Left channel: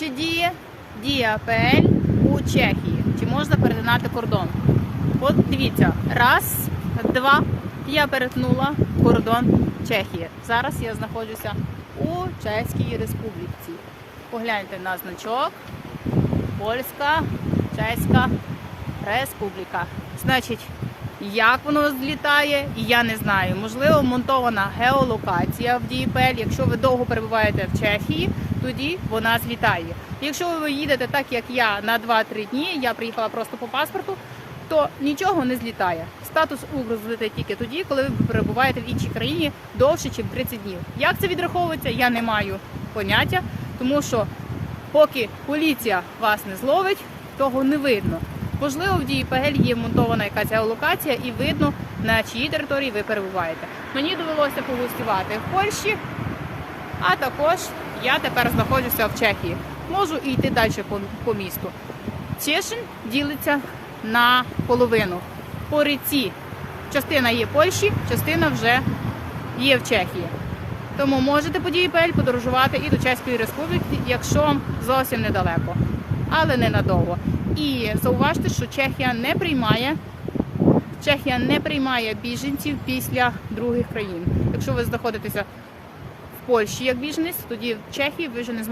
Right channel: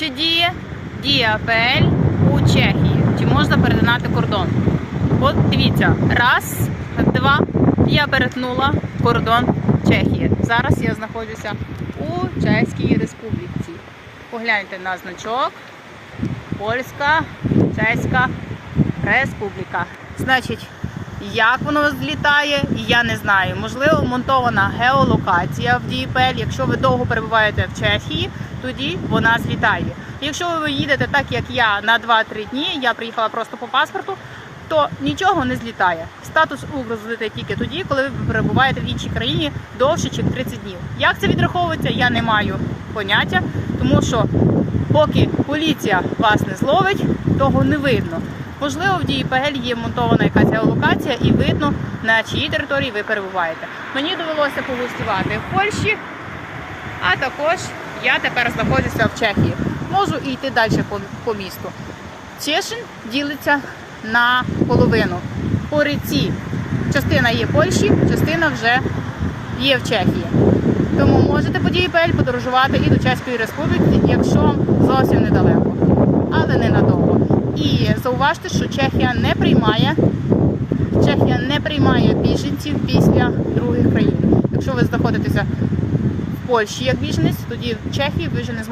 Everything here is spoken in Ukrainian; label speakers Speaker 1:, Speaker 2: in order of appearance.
Speaker 1: Чи діє дія АПЛ у Чехії? Чи можна перетинати кордон? От дивіться, раз, два. Я перетнула кордон Чехії. Зараз я знаходжуся у Чеській Республіці. Погляньте на значок. Польська, Чеська Республіка. Значить, як воно злітає, я не знаю. Можливо, монтована геолокація в DPL. Якщо ви довго перебуваєте в Чехії, тоді вона злітає. Якщо ви їдете так, як я, на 2-3 дні, я приїхала просто по паспорту, то нічого не злітає. Статус УГР злетить тільки тоді, коли ви перебуваєте в іншій країні довше, ніж 30 днів. Як це відраховується, я не маю поняття, тому що поки поліція вас не зловить, того не видно. Можливо, в ДІПГЛ є монтована якась геолокація і видно, на чиїй території ви перебуваєте. Мені довелося погостювати в Польщі, а також я тепер знаходжуся в Чехії. Можу і йти далі по, по місту. Чешин ділиться на половину. По ріці частина є в Польщі, частина вже є в Чехії. Тому можете по ДІПЛ подорожувати і до Чеської Республіки, якщо зовсім недалеко, але ненадовго. І зауважте, що Чехія не приймає Чехія не приймає біженців після других країн. Якщо ви знаходитеся Польщі як біженець, тоді в Чехії ви вже не зможете.